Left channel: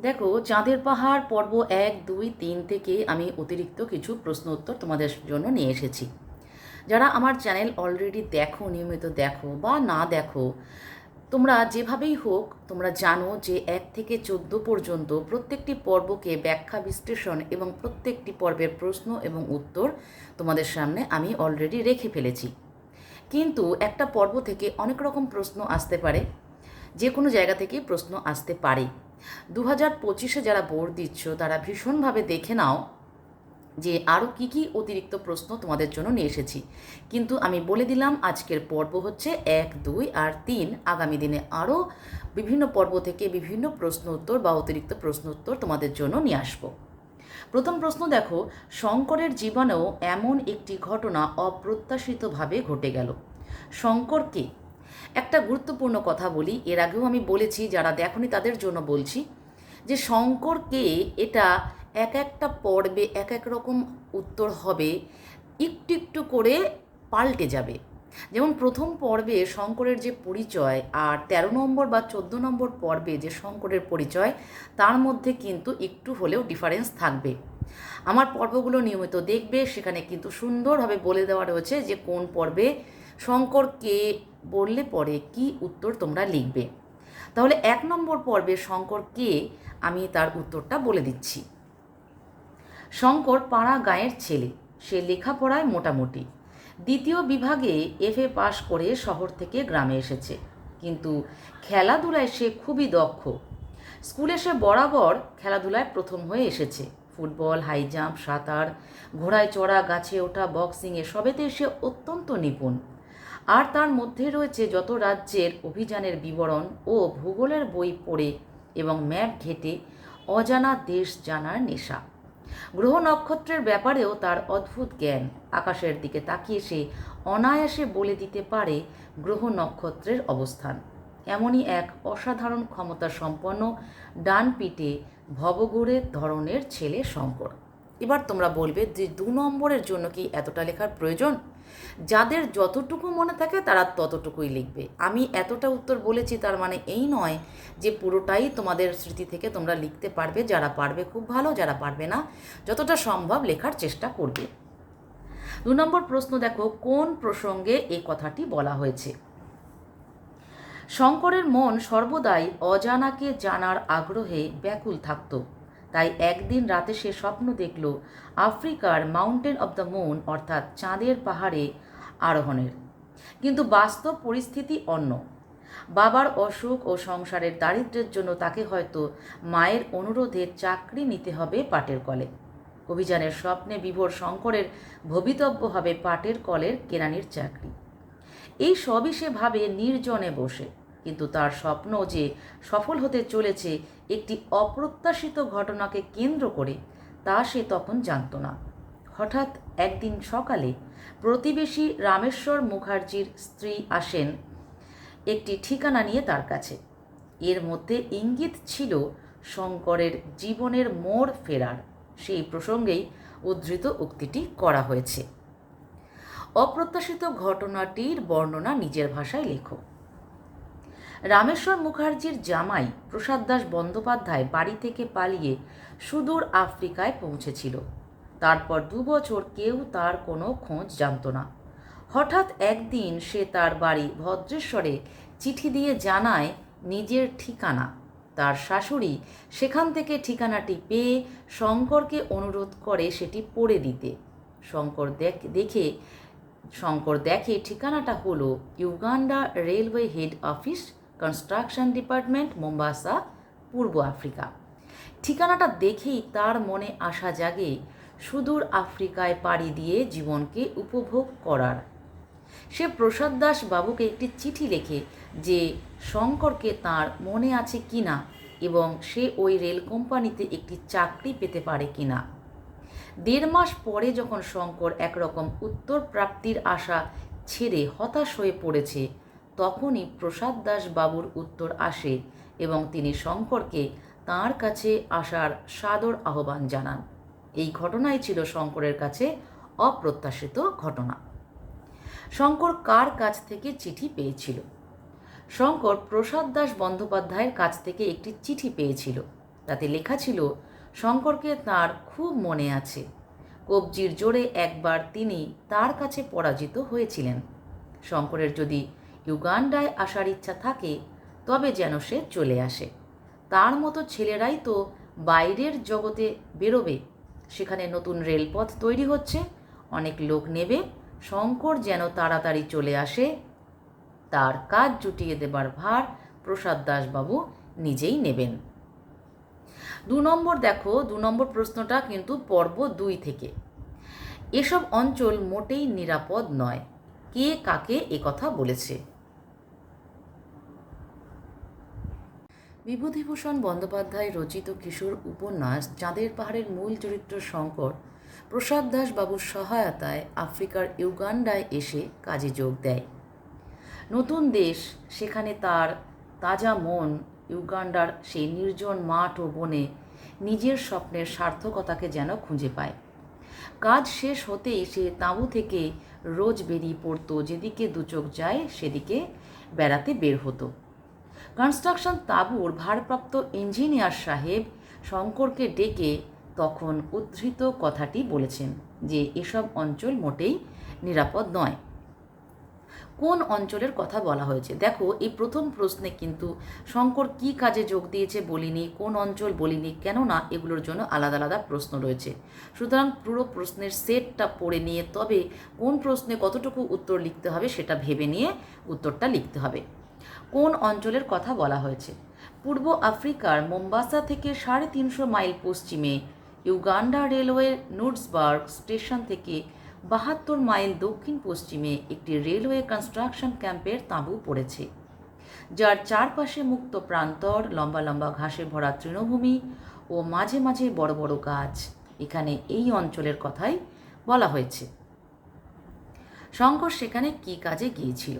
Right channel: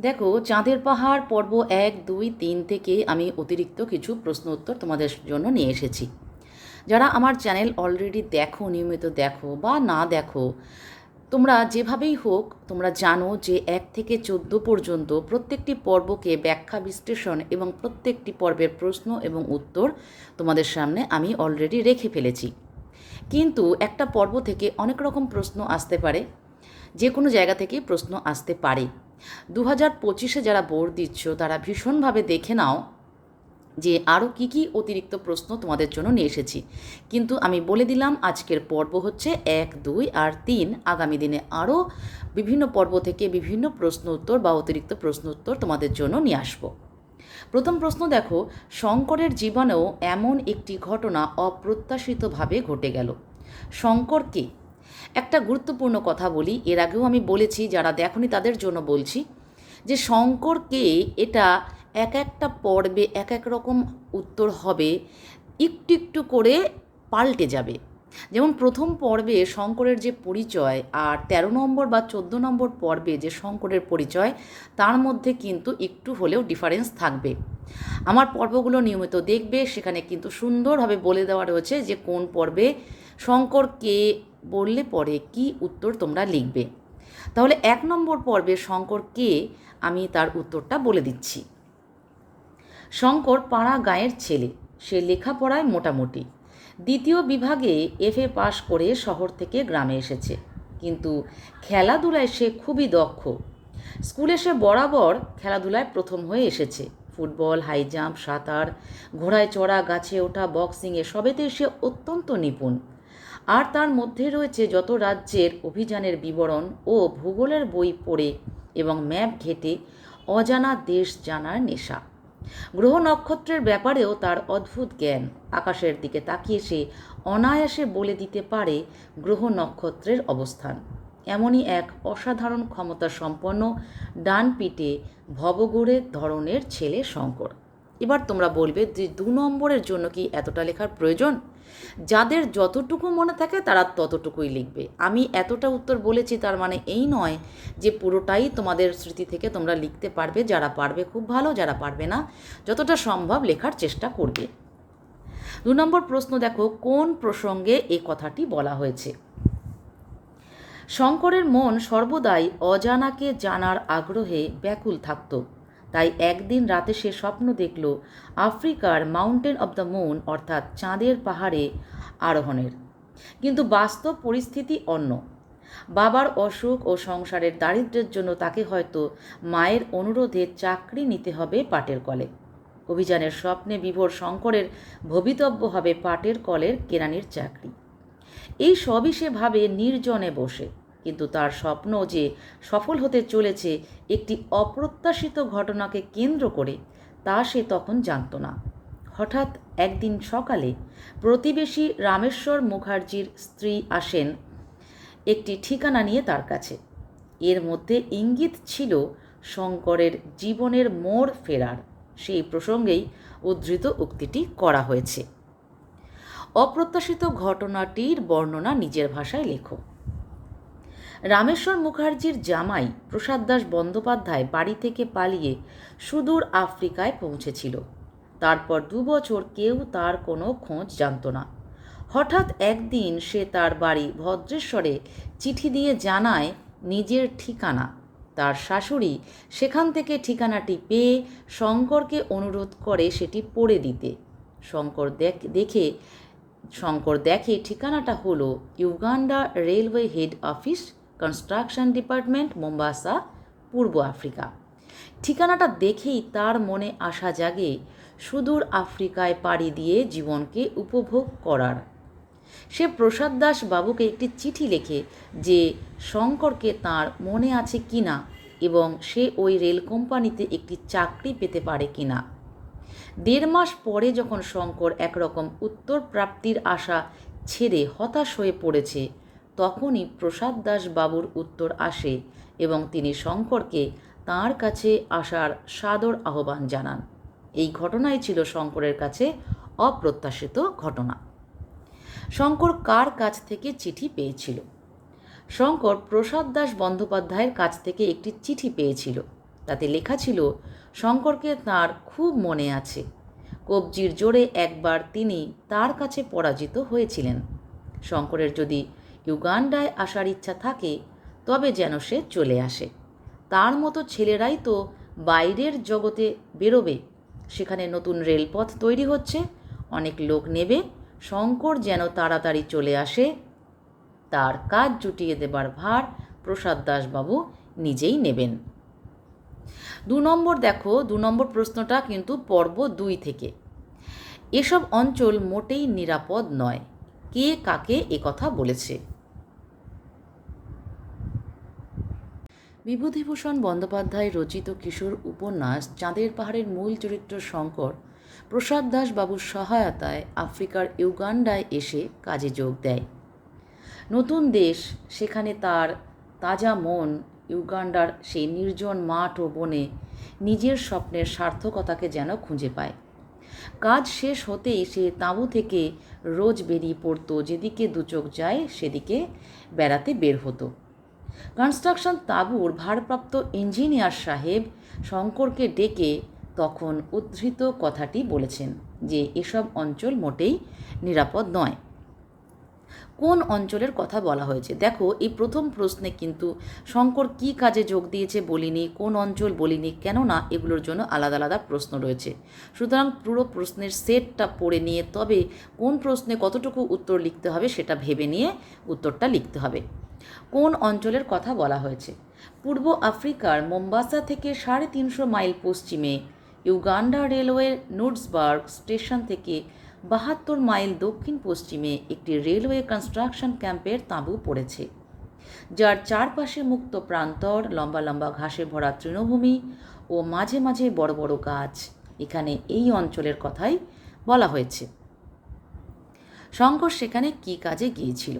দেখো, চাঁদের পাহাড়, পর্ব এক, দুই, তিন থেকে আমি অতিরিক্ত কিছু প্রশ্ন উত্তর তোমাদের জন্য নিয়ে এসেছি। যারা আমার চ্যানেল অলরেডি দেখো, নিয়মিত দেখো বা না দেখো, তোমরা যেভাবেই হোক, তোমরা জানো যে এক থেকে চোদ্দ পর্যন্ত প্রত্যেকটি পর্বকে ব্যাখ্যা, বিশ্লেষণ এবং প্রত্যেকটি পর্বের প্রশ্ন এবং উত্তর তোমাদের সামনে আমি অলরেডি রেখে ফেলেছি। কিন্তু একটা পর্ব থেকে অনেক রকম প্রশ্ন আসতে পারে যে কোনো জায়গা থেকেই প্রশ্ন আসতে পারে। দু হাজার পঁচিশে যারা বোর্ড দিচ্ছ, তারা ভীষণভাবে দেখে নাও যে আরও কী কী অতিরিক্ত প্রশ্ন তোমাদের জন্য নিয়ে এসেছি। কিন্তু আমি বলে দিলাম, আজকের পর্ব হচ্ছে এক, দুই আর তিন। আগামী দিনে আরও বিভিন্ন পর্ব থেকে বিভিন্ন প্রশ্ন উত্তর বা অতিরিক্ত প্রশ্ন উত্তর তোমাদের জন্য নিয়ে আসব। প্রথম প্রশ্ন দেখো, শঙ্করের জীবনেও এমন একটি ঘটনা অপ্রত্যাশিতভাবে ঘটে গেল। শঙ্করকে একটা গুরুত্বপূর্ণ কথা বলি। এর আগেও আমি বলেছি, যারা দেখনি তাদের জন্য বলছি যে শঙ্করকে এটা এক একটা পর্বে এক এক রকম উত্তর হবে, একটু একটু করে পাল্টে যাবে। যেমন প্রথম পর্বে শঙ্করের যে পরিচয় আর তেরো নম্বর বা চোদ্দ নম্বর পর্বে যে শঙ্করের পরিচয়, তার মধ্যে কিন্তু একটু হলেও ডিফারেন্স থাকবে। আমার পর্বগুলো নিয়মিত দেখবে, সেখানে কিন্তু সুন্দরভাবে বলে দেওয়া রয়েছে যে কোন পর্বে শঙ্কর কে বললে পরে কি উত্তর তোমরা লিখবে। তাহলে এক নম্বর পর্বে শঙ্কর কে আমি তার উত্তরটা বলে দিচ্ছি। শঙ্কর পাড়া গাঁয়ের ছেলে, সে লেখাপড়ায় মোটামুটি। দ্বিতীয় বিভাগে এফএ পাশ করে শহর থেকে গ্রামে এসেছে। কিন্তু খেলাধুলায় সে খুবই দক্ষ। স্কুলে সে বরাবর খেলাধুলায় প্রথম হয়ে এসেছে। ফুটবল, হাই জাম্প, সাঁতার, ঘোড়ায় চড়া, গাছে ওঠা বক্সিংয়ে সবেতেই সে অত্যন্ত নিপুণ। আর তার মধ্যে রয়েছে যত রাজ্যের অভিযানের বিবরণ ও ভূগোলের বই পড়ে এবং ম্যাপ ঘেটে অজানা দেশ জানার নেশা। গ্রহ নক্ষত্রের ব্যাপারেও তার অদ্ভুত জ্ঞান। আকাশের দিকে তাকিয়ে সে অনায়াসে বলে দিতে পারে গ্রহ নক্ষত্রের অবস্থান। এমনই এক অসাধারণ ক্ষমতা সম্পন্ন ডান পিটে ভবগুড়ের ধরনের ছেলে শঙ্কর। এবার তোমরা বলবে যে দু নম্বরের জন্য কি এতটা লেখার প্রয়োজন? যাদের যতটুকু মনে থাকে তারা ততটুকুই লিখবে। আমি এতটা উত্তর বলেছি তার মানে এই নয় যে পুরোটাই তোমাদের স্মৃতি থেকে তোমরা লিখতে পারবে, যারা পারবে খুব ভালো, যারা পারবে না, যতটা সম্ভব লেখার চেষ্টা করবে। দু নম্বর প্রশ্ন দেখো, কোন প্রসঙ্গে এ কথাটি বলা হয়েছে? শঙ্করের মন সর্বদাই অজানাকে জানার আগ্রহে ব্যাকুল থাকত। তাই একদিন রাতে সে স্বপ্ন দেখল আফ্রিকার মাউন্টেন অব দ্য মুন, অর্থাৎ চাঁদের পাহাড়ে আরোহণের। কিন্তু বাস্তব পরিস্থিতি অন্য। বাবার অসুখ ও সংসারের দারিদ্র্যের জন্য তাকে হয়তো মায়ের অনুরোধে চাকরি নিতে হবে পাটের কলে। অভিযানের স্বপ্নে বিভোর শঙ্করের ভবিতব্য হবে পাটের কলের কেরানির চাকরি। এই সবই সে ভাবে নির্জনে বসে। কিন্তু তার স্বপ্ন যে সফল হতে চলেছে একটি অপ্রত্যাশিত ঘটনাকে কেন্দ্র করে, তা সে তখন জানত না। হঠাৎ একদিন সকালে প্রতিবেশী রামেশ্বর মুখার্জির স্ত্রী আসেন একটি ঠিকানা নিয়ে তার কাছে। এর মধ্যে ইঙ্গিত ছিল শঙ্করের জীবনের মোড় ফেরার। সেই প্রসঙ্গেই উদ্ধৃত উক্তিটি করা হয়েছে। অপ্রত্যাশিত ঘটনাটির বর্ণনা নিজের ভাষায় লেখো। রামেশ্বর মুখার্জির জামাই প্রসাদ দাস বন্দ্যোপাধ্যায় বাড়ি থেকে পালিয়ে সুদূর আফ্রিকায় পৌঁছেছিল। তারপর দু বছর কেউ তার কোনো খোঁজ জানত না। হঠাৎ একদিন সে তার বাড়ি ভদ্রেশ্বরে চিঠি দিয়ে জানায় নিজের ঠিকানা। তার শাশুড়ি সেখান থেকে ঠিকানাটি পেয়ে শঙ্করকে অনুরোধ করে সেটি পড়ে দিতে। শঙ্কর দেখে শঙ্কর দেখে ঠিকানাটা হলো Uganda railway head office construction department Mombasa পূর্ব আফ্রিকা। ঠিকানাটা দেখেই তার মনে আশা জাগে সুদূর আফ্রিকায় পাড়ি দিয়ে জীবনকে উপভোগ করার। সে প্রসাদ দাস বাবুকে একটি চিঠি লেখে যে শঙ্করকে তার মনে আছে কি না এবং সে ওই রেল কোম্পানিতে একটি চাকরি পেতে পারে কি না দেড় মাস পরে যখন শঙ্কর একরকম উত্তর প্রাপ্তির আশা ছেড়ে হতাশ হয়ে পড়েছে তখনই প্রসাদ দাস বাবুর উত্তর আসে এবং তিনি শঙ্করকে তার কাছে আসার সাদর আহ্বান জানান। এই ঘটনাই ছিল শঙ্করের কাছে অপ্রত্যাশিত ঘটনা। শঙ্কর কার কাছ থেকে চিঠি পেয়েছিল? শঙ্কর প্রসাদ দাস বন্দ্যোপাধ্যায়ের কাছ থেকে একটি চিঠি পেয়েছিল। তাতে লেখা ছিল, শঙ্করকে তার খুব মনে আছে। কবজির জোরে একবার তিনি তার কাছে পরাজিত হয়েছিলেন। শঙ্করের যদি ইউগান্ডায় আসার ইচ্ছা থাকে, তবে যেন সে চলে আসে। তার মতো ছেলেরাই তো বাইরের জগতে বেরোবে। সেখানে নতুন রেলপথ তৈরি হচ্ছে, অনেক লোক নেবে, শঙ্কর যেন তাড়াতাড়ি চলে আসে। তার কাজ জুটিয়ে দেবার ভার প্রসাদ দাসবাবু নিজেই নেবেন। দু নম্বর দেখো, দু নম্বর প্রশ্নটা কিন্তু পর্ব দুই থেকে। এসব অঞ্চল মোটেই নিরাপদ নয়। কে কাকে কথা বলেছে? বিভূতিভূষণ বন্দ্যোপাধ্যায় রচিত কিশোর উপন্যাস চাঁদের পাহাড়ের মূল চরিত্র শঙ্কর, প্রসাদ দাস বাবুর সহায়তায় আফ্রিকার ইউগান্ডায় এসে কাজে যোগ দেয়। নতুন দেশ, সেখানে তার তাজা মন, ইউগান্ডার সেই নির্জন মাঠ ও বনে নিজের স্বপ্নের সার্থকতাকে যেন খুঁজে পায়। কাজ শেষ হতেই সে তাঁবু থেকে রোজ বেরিয়ে পড়তো, যেদিকে দুচোখ যায় সেদিকে বেড়াতে বের হতো। কনস্ট্রাকশন তাঁবুর ভারপ্রাপ্ত ইঞ্জিনিয়ার সাহেব শঙ্করকে ডেকে তখন উদ্ধৃত কথাটি বলেছেন যে এসব অঞ্চল মোটেই নিরাপদ নয়। কোন অঞ্চলের কথা বলা হয়েছে? দেখো, এই প্রথম প্রশ্নে কিন্তু শঙ্কর কি কাজে যোগ দিয়েছে বলিনি, কোন অঞ্চল বলিনি, কেননা এগুলোর জন্য আলাদা আলাদা প্রশ্ন রয়েছে। সুতরাং পুরো প্রশ্নের সেটটা পড়ে নিয়ে তবে কোন প্রশ্নে কতটুকু উত্তর লিখতে হবে সেটা ভেবে নিয়ে উত্তরটা লিখতে হবে। কোন অঞ্চলের কথা বলা হয়েছে? পূর্ব আফ্রিকার মোম্বাসা থেকে সাড়ে তিনশো মাইল পশ্চিমে, ইউগান্ডা রেলওয়ে নুটসবার্গ স্টেশন থেকে বাহাত্তর মাইল দক্ষিণ পশ্চিমে একটি রেলওয়ে কনস্ট্রাকশন ক্যাম্পের তাঁবু পড়েছে, যার চারপাশে মুক্ত প্রান্তর, লম্বা লম্বা ঘাসে ভরা তৃণভূমি ও মাঝে মাঝে বড় বড় গাছ। এখানে এই অঞ্চলের কথাই বলা হয়েছে। শঙ্কর সেখানে কি কাজে গিয়েছিল?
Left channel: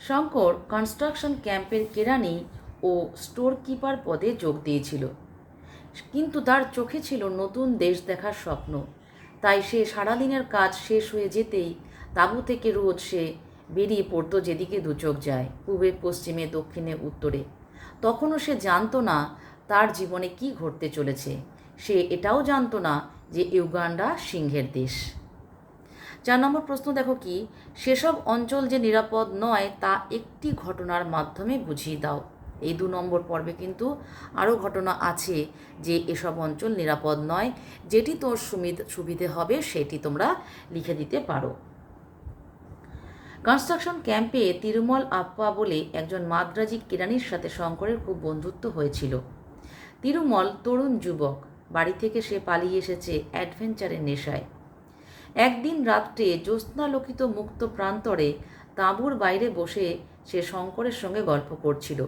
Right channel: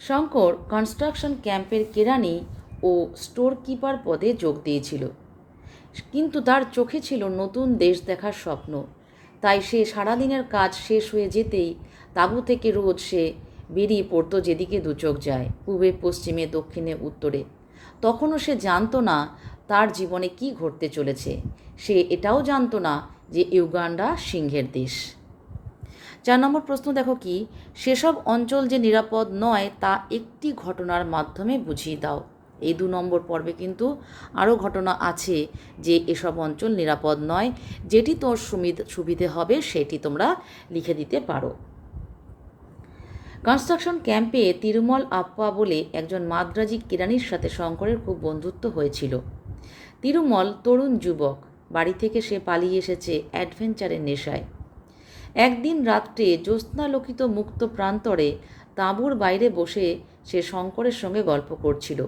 শঙ্কর কনস্ট্রাকশন ক্যাম্পের কেরানি ও স্টোর কিপার পদে যোগ দিয়েছিল। কিন্তু তার চোখে ছিল নতুন দেশ দেখার স্বপ্ন। তাই সে সারাদিনের কাজ শেষ হয়ে যেতেই তাঁবু থেকে রোজ সে বেরিয়ে পড়তো যেদিকে দুচোখ যায়, পূবে, পশ্চিমে, দক্ষিণে, উত্তরে। তখনও সে জানতো না তার জীবনে কি ঘটতে চলেছে। সে এটাও জানতো না যে ইউগান্ডা সিংহের দেশ। চার নম্বর প্রশ্ন দেখো কি, সেসব অঞ্চল যে নিরাপদ নয় তা একটি ঘটনার মাধ্যমে বুঝিয়ে দাও। এই দু নম্বর পর্বে কিন্তু আরও ঘটনা আছে যে এসব অঞ্চল নিরাপদ নয়, যেটি তোর সুবিধে হবে সেটি তোমরা লিখে দিতে পারো। কনস্ট্রাকশন ক্যাম্পে তিরুমল আপ্পা বলে একজন মাদ্রাজি কেরানির সাথে শঙ্করের খুব বন্ধুত্ব হয়েছিল। তিরুমল তরুণ যুবক, বাড়ি থেকে সে পালিয়ে এসেছে অ্যাডভেঞ্চারের নেশায়। একদিন রাত্রে জ্যোৎস্নালোকিত মুক্ত প্রান্তরে তাঁবুর বাইরে বসে সে শঙ্করের সঙ্গে গল্প করছিল।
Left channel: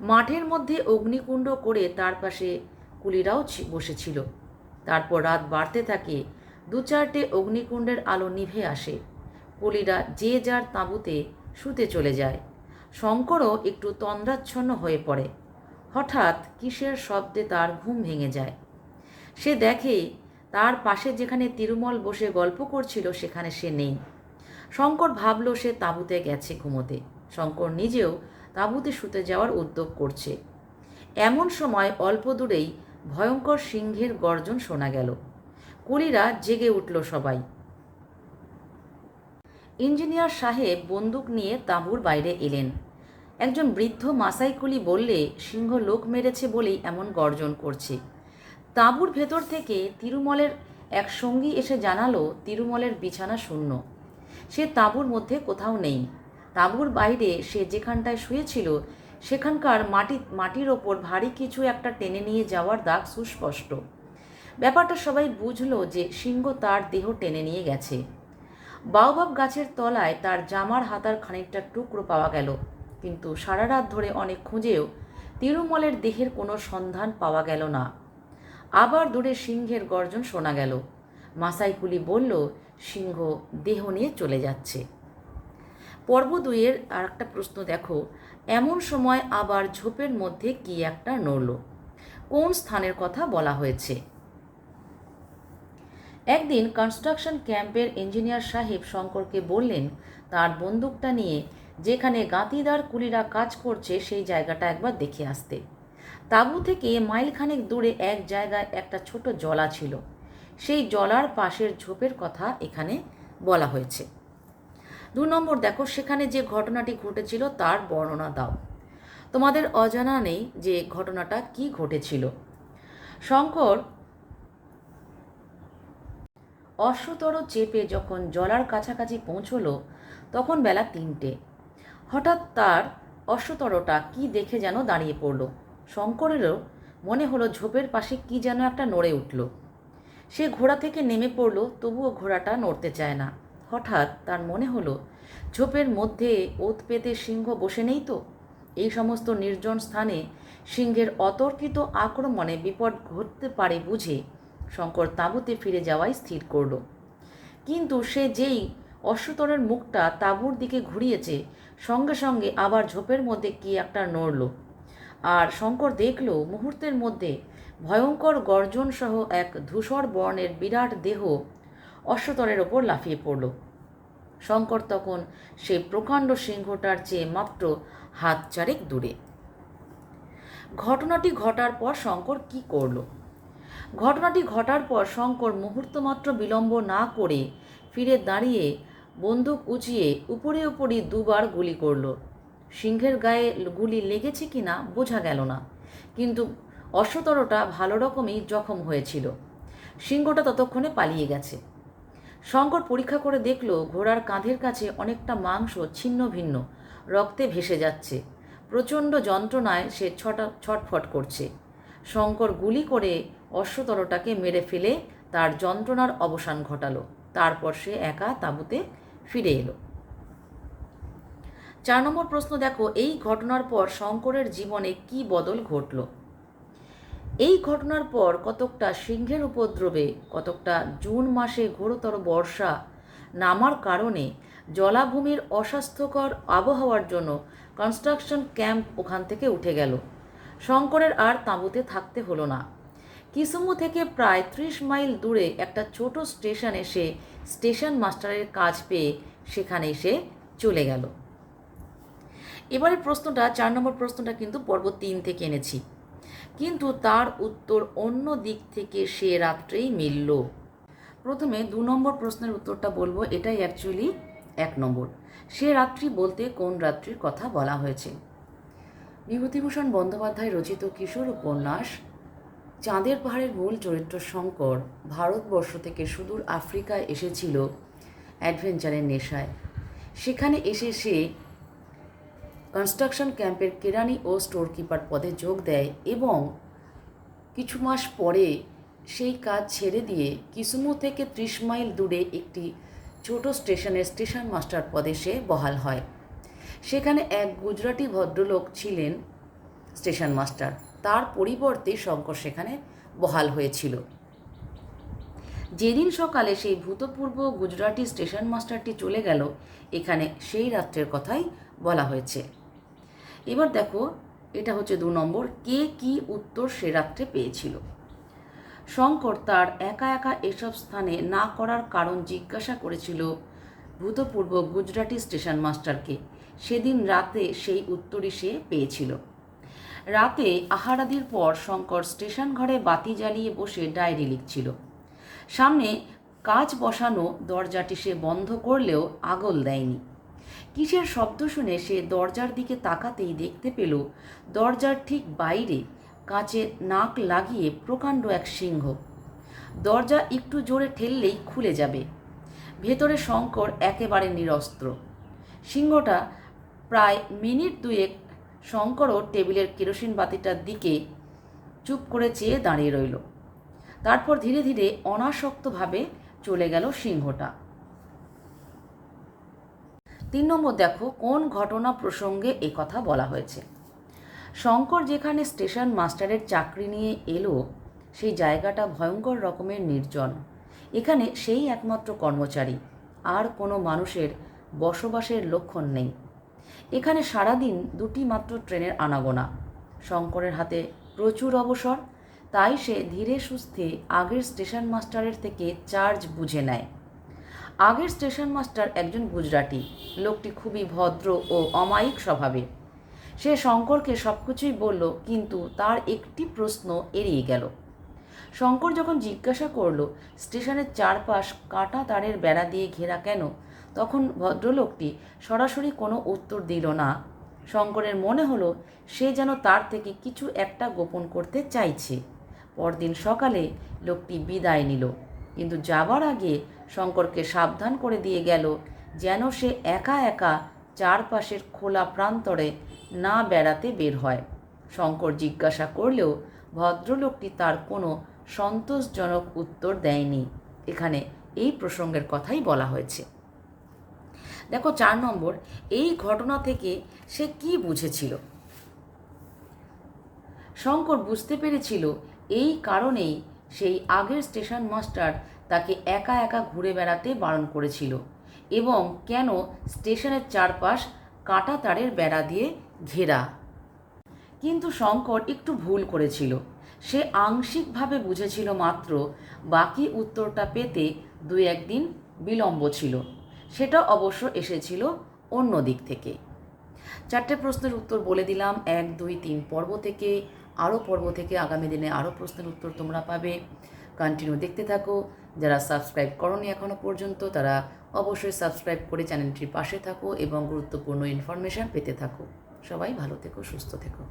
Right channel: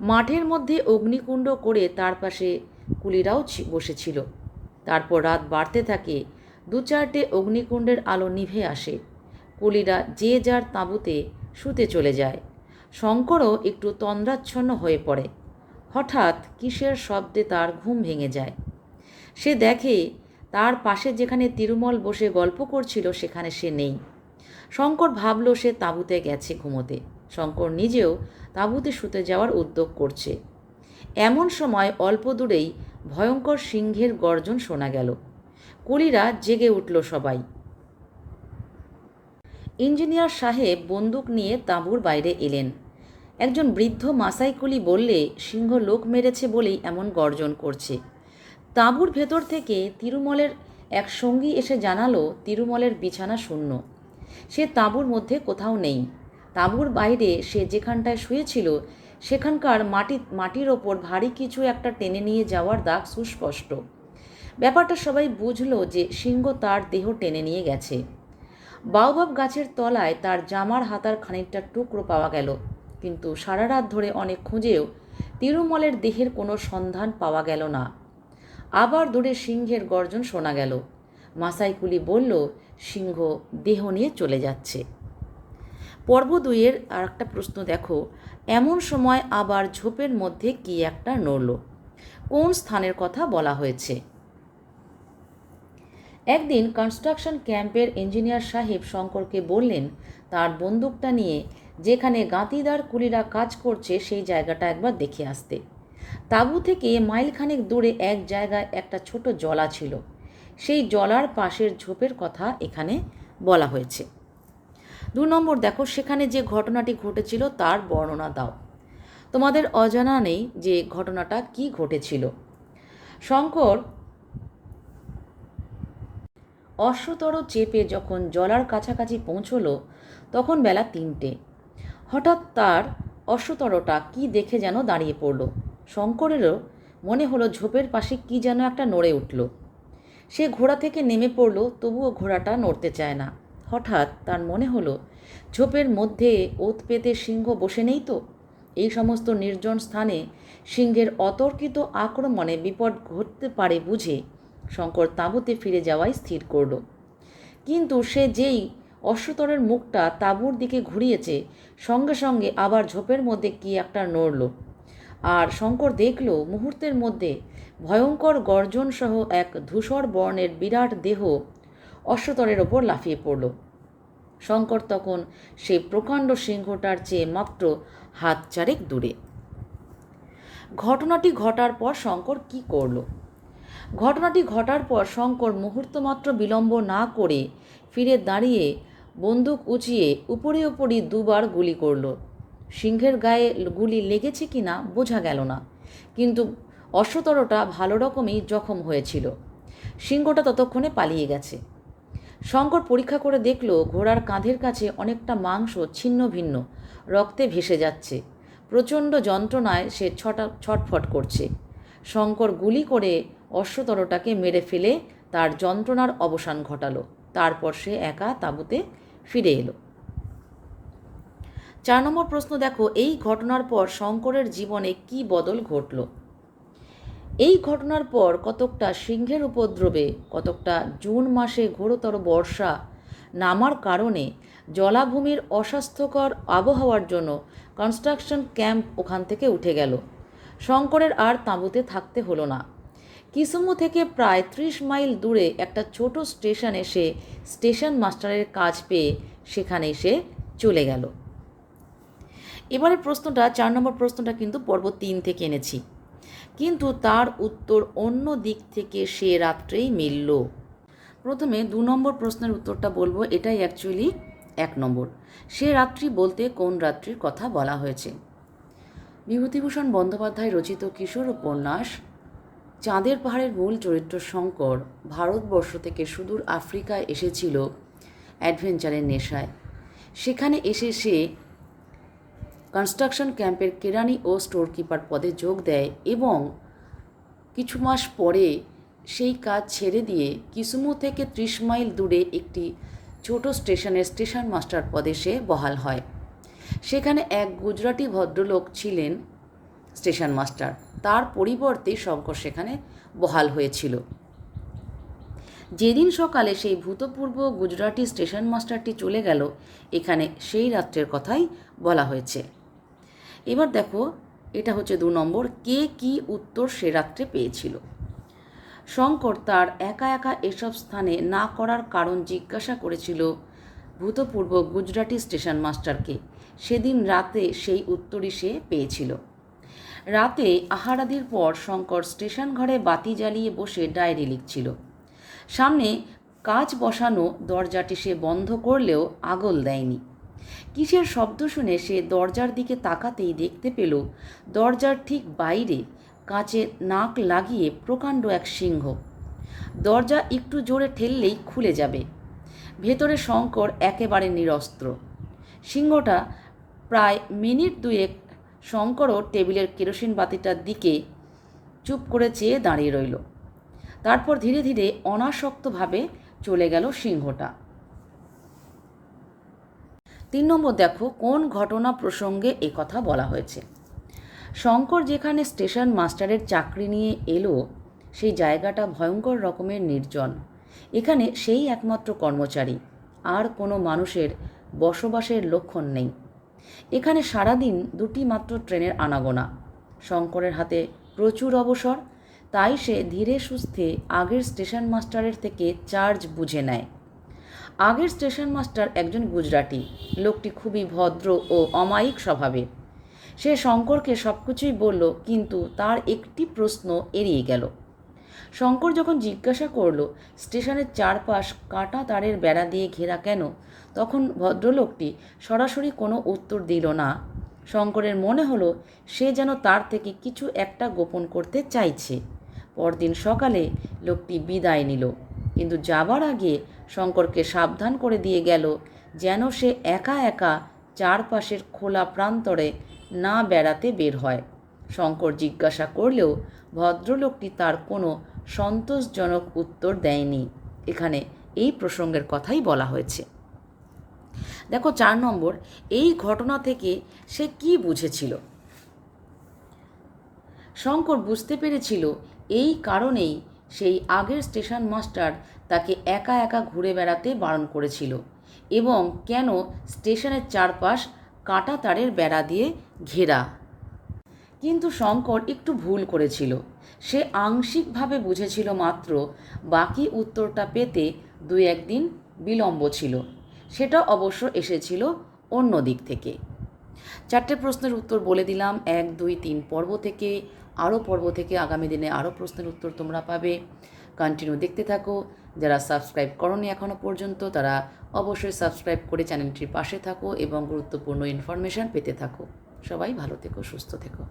মাঠের মধ্যে অগ্নিকুণ্ড করে তার পাশে কুলিরাও বসেছিল। তারপর রাত বাড়তে থাকে দু চারটে অগ্নিকুণ্ডের আলো নিভে আসে। কুলিরা যে যার তাঁবুতে শুতে চলে যায়। শঙ্করও একটু তন্দ্রাচ্ছন্ন হয়ে পড়ে। হঠাৎ কিসের শব্দে তার ঘুম ভেঙে যায়। সে দেখে তার পাশে যেখানে তিরুমল বসে গল্প করছিল, সেখানে সে নেই। শঙ্কর ভাবল সে তাঁবুতে গেছে ঘুমোতে। শঙ্কর নিজেও তাঁবুতে শুতে যাওয়ার উদ্যোগ করছে। এমন সময় অল্প দূরেই ভয়ঙ্কর সিংহের গর্জন শোনা গেল। কুলিরা জেগে উঠল সবাই। ইঞ্জিনিয়ার সাহেব বন্দুক নিয়ে তাঁবুর বাইরে এলেন। একজন বৃদ্ধ মাসাই কুলি বললে, সিংহ লোক মেরেছে বলেই এমন গর্জন করছে। তাঁবুর ভেতর থেকে তিরুমলের এক সঙ্গী এসে জানালো, তিরুমলের বিছানা শূন্য। সে তাঁবুর মধ্যে কোথাও নেই। তাঁবুর বাইরে সে যেখানটায় শুয়েছিল, সেখানকার মাটি, মাটির ওপর ভারী কিছু একটা টেনে নিয়ে যাওয়ার দাগ সুস্পষ্ট। ব্যাপারটা সবাই বুঝলো যে সিংহ তার দেহ টেনে নিয়ে গেছে। বাউবাব গাছের তলায় তার জামার হাতার খানিকটা টুকরো পাওয়া গেল। কিন্তু সারা রাত ধরে অনেক খুঁজেও তিরুমলের দেহের কোনো সন্ধান পাওয়া গেল না। আবার দূরে সিংহের গর্জন শোনা গেল। মাসাইকুলি বলল, সিংহ দেহ নিয়ে চলে যাচ্ছে। পর্ব দুইয়ের আর একটা প্রশ্ন দেখো, এমন সময় আবার ঝোপের মধ্যে কি একটা নড়ল? কোন স্থানের কথা বলা হয়েছে? একদিন কনস্ট্রাকশন ক্যাম্পের ইঞ্জিনিয়ার সাহেব শঙ্করকে বললেন, তার বন্দুকটা নিয়ে যেখানে গাঁতিদার কুলিরা কাজ করছে, সেই জায়গাটা একবার দেখে আসতে। তাঁবু থেকে মাইলখানেক দূরে এক জায়গায় একটা ছোট জলা ছিল। সেই জলার পাশের ঝোপের কথা এখানে বলা হয়েছে। দু নম্বর দেখো, সেখানে যে ঘটনাটি ঘটেছিল তার বর্ণনা দাও। তোমাদের অজানা নেই যে ঘটনাটা কি ঘটেছিল। শঙ্কর অশ্বতর চেপে যখন জলার কাছাকাছি পৌঁছলো, তখন বেলা তিনটে। হঠাৎ তার অশ্বতরটা কি দেখে যেন দাঁড়িয়ে পড়ল। শঙ্করেরও মনে হলো ঝোপের পাশে কি যেন একটা নড়ে উঠল। সে ঘোড়া থেকে নেমে পড়ল, তবুও ঘোড়াটা নড়তে চায় না। হঠাৎ তার মনে হলো, ঝোপের মধ্যে ওত পেতে সিংহ বসে নেই তো? এই সমস্ত নির্জন স্থানে সিংহের অতর্কিত আক্রমণে বিপদ ঘটতে পারে বুঝে শঙ্কর তাঁবুতে ফিরে যাওয়াই স্থির করল। কিন্তু সে যেই অশ্বতরের মুখটা তাঁবুর দিকে ঘুরিয়েছে, সঙ্গে সঙ্গে আবার ঝোপের মধ্যে কি একটা নড়ল। আর শঙ্কর দেখল মুহূর্তের মধ্যে ভয়ঙ্কর গর্জন সহ এক ধূসর বর্ণের বিরাট দেহ অশ্বতরের ওপর লাফিয়ে পড়ল। শঙ্কর তখন সেই প্রকাণ্ড সিংহটার চেয়ে মাত্র হাত চারেক দূরে। ঘটনাটি ঘটার পর শঙ্কর কি করল? ঘটনাটি ঘটার পর শঙ্কর মুহূর্তমাত্র বিলম্ব না করে ফিরে দাঁড়িয়ে বন্দুক উঁচিয়ে উপরে উপরই দুবার গুলি করল। সিংহের গায়ে গুলি লেগেছে কি না বোঝা গেল না। কিন্তু অশ্বতরটা ভালো রকমই জখম হয়েছিল। সিংহটা ততক্ষণে পালিয়ে গেছে। শঙ্কর পরীক্ষা করে দেখল ঘোড়ার কাঁধের কাছে অনেকটা মাংস ছিন্ন ভিন্ন, রক্তে ভেসে যাচ্ছে। প্রচণ্ড যন্ত্রণায় সে ছটা, ছটফট করছে। শঙ্কর গুলি করে অশ্বতরটাকে মেরে ফেলে তার যন্ত্রণার অবসান ঘটালো। তারপর সে একা তাঁবুতে ফিরে এলো। চার নম্বর প্রশ্ন, দেখো, এই ঘটনার পর শঙ্করের জীবনে কি বদল ঘটল? এই ঘটনার পর কতকটা সিংহের উপদ্রবে, কতকটা জুন মাসে ঘোরতর বর্ষা নামার কারণে জলাভূমির অস্বাস্থ্যকর আবহাওয়ার জন্য কনস্ট্রাকশন ক্যাম্প ওখান থেকে উঠে গেল। শঙ্করের আর তাঁবুতে থাকতে হলো না। কিসুমু থেকে প্রায় ত্রিশ মাইল দূরে একটা ছোট স্টেশনে এসে স্টেশন মাস্টারের কাজ পেয়ে সেখানে এসে চলে গেল। এবারের প্রশ্নটা, চার নম্বর প্রশ্নটা কিন্তু পর্ব তিন থেকে এনেছি। কিন্তু তার উত্তর অন্য দিক থেকে সে রাত্রেই মিলল। প্রথমে দু নম্বর প্রশ্নের উত্তরটা বলব, এটাই অ্যাকচুয়ালি এক নম্বর। সে রাত্রি বলতে কোন রাত্রির কথা বলা হয়েছে? বিভূতিভূষণ বন্দ্যোপাধ্যায় রচিত কিশোর উপন্যাস, চাঁদের পাহাড়ের মূল চরিত্র শঙ্কর, ভারতবর্ষ থেকে সুদূর আফ্রিকায় এসেছিল অ্যাডভেঞ্চারের নেশায়। সেখানে এসে সে কনস্ট্রাকশন ক্যাম্পের কেরানি ও স্টোর কিপার পদে যোগ দেয় এবং কিছু মাস পরে সেই কাজ ছেড়ে দিয়ে কিসমু থেকে ত্রিশ মাইল দূরে একটি ছোট স্টেশনের স্টেশন মাস্টার পদে সে বহাল হয়। সেখানে এক গুজরাটি ভদ্রলোক ছিলেন স্টেশন মাস্টার। তার পরিবর্তে শঙ্কর সেখানে বহাল হয়েছিল। যেদিন সকালে সেই ভূতপূর্ব গুজরাটি স্টেশন মাস্টারটি চলে গেল, এখানে সেই রাত্রের কথাই বলা হয়েছে। এবার দেখো, এটা হচ্ছে দু নম্বর, কে কি উত্তর সে রাত্রে পেয়েছিল? শঙ্কর তার একা একা এসব স্থানে না করার কারণ জিজ্ঞাসা করেছিল ভূতপূর্ব গুজরাটি স্টেশন মাস্টারকে। সেদিন রাতে সেই উত্তরই সে পেয়েছিল। রাতে আহারাদির পর শঙ্কর স্টেশন ঘরে বাতি জ্বালিয়ে বসে ডায়েরি লিখছিল। সামনে কাজ বসানো দরজাটি সে বন্ধ করলেও আগল দেয়নি। কিসের শব্দ শুনে সে দরজার দিকে তাকাতেই দেখতে পেল, দরজার ঠিক বাইরে কাঁচে নাক লাগিয়ে প্রকাণ্ড এক সিংহ। দরজা একটু জোরে ঠেললেই খুলে যাবে। ভেতরে শঙ্কর একেবারে নিরস্ত্র। সিংহটা প্রায় মিনিট দুয়েক শঙ্করও টেবিলের কেরোসিন বাতিটার দিকে চুপ করে চেয়ে দাঁড়িয়ে রইল। তারপর ধীরে ধীরে অনাসক্তভাবে চলে গেল সিংহটা। তিন নম্বর দেখো, কোন ঘটনা প্রসঙ্গে কথা বলা হয়েছে? শঙ্কর যেখানে স্টেশন মাস্টারের চাকরি নিয়ে এলো, সেই জায়গাটা ভয়ঙ্কর রকমের নির্জন। এখানে সেই একমাত্র কর্মচারী, আর কোনো মানুষের বসবাসের লক্ষণ নেই। এখানে সারাদিন দুটি মাত্র ট্রেনের আনাগোনা। শঙ্করের হাতে প্রচুর অবসর, তাই সে ধীরে সুস্থে আগের স্টেশন মাস্টারের থেকে চার্জ বুঝে নেয়। আগের স্টেশন মাস্টার একজন গুজরাটি। লোকটি খুবই ভদ্র ও অমায়িক স্বভাবের। সে শঙ্করকে সব কিছুই বলল, কিন্তু তার একটি প্রশ্ন এড়িয়ে গেল। শঙ্কর যখন জিজ্ঞাসা করল, স্টেশনের চারপাশ কাটা তারের বেড়া দিয়ে ঘেরা কেন? তখন ভদ্রলোকটি সরাসরি কোনো উত্তর দিল না। শঙ্করের মনে হলো, সে যেন তার থেকে কিছু একটা গোপন করতে চাইছে। পরদিন সকালে লোকটি বিদায় নিল। কিন্তু যাবার আগে শঙ্করকে সাবধান করে দিয়ে গেল, যেন সে একা একা চারপাশের খোলা প্রান্তরে না বেড়াতে বের হয়। শঙ্কর জিজ্ঞাসা করলেও ভদ্রলোকটি তার কোনো সন্তোষজনক উত্তর দেয়নি। এখানে এই প্রসঙ্গের কথাই বলা হয়েছে। দেখো চার নম্বর, এই ঘটনা থেকে সে কি বুঝেছিল? শঙ্কর বুঝতে পেরেছিল এই কারণেই সেই আগের স্টেশন মাস্টার তাকে একা একা ঘুরে বেড়াতে বারণ করেছিল এবং কেন স্টেশনের চারপাশ কাঁটা তারের বেড়া দিয়ে ঘেরা। কিন্তু শঙ্কর একটু ভুল করেছিল। সে আংশিকভাবে বুঝেছিল মাত্র বাকি উত্তরটা পেতে দু একদিন বিলম্ব ছিল। সেটা অবশ্য এসেছিল অন্য দিক থেকে। চারটে প্রশ্নের উত্তর বলে দিলাম। এক, দুই, তিন পর্ব থেকে, আরও পর্ব থেকে আগামী দিনে আরও প্রশ্নের উত্তর তোমরা পাবে। কন্টিনিউ দেখতে থাকো। যারা সাবস্ক্রাইব করনি এখনও পর্যন্ত, তারা অবশ্যই সাবস্ক্রাইব করে চ্যানেলটির পাশে থাকো এবং গুরুত্বপূর্ণ ইনফরমেশান পেতে থাকো। সবাই ভালো থেকো, সুস্থ থেকো।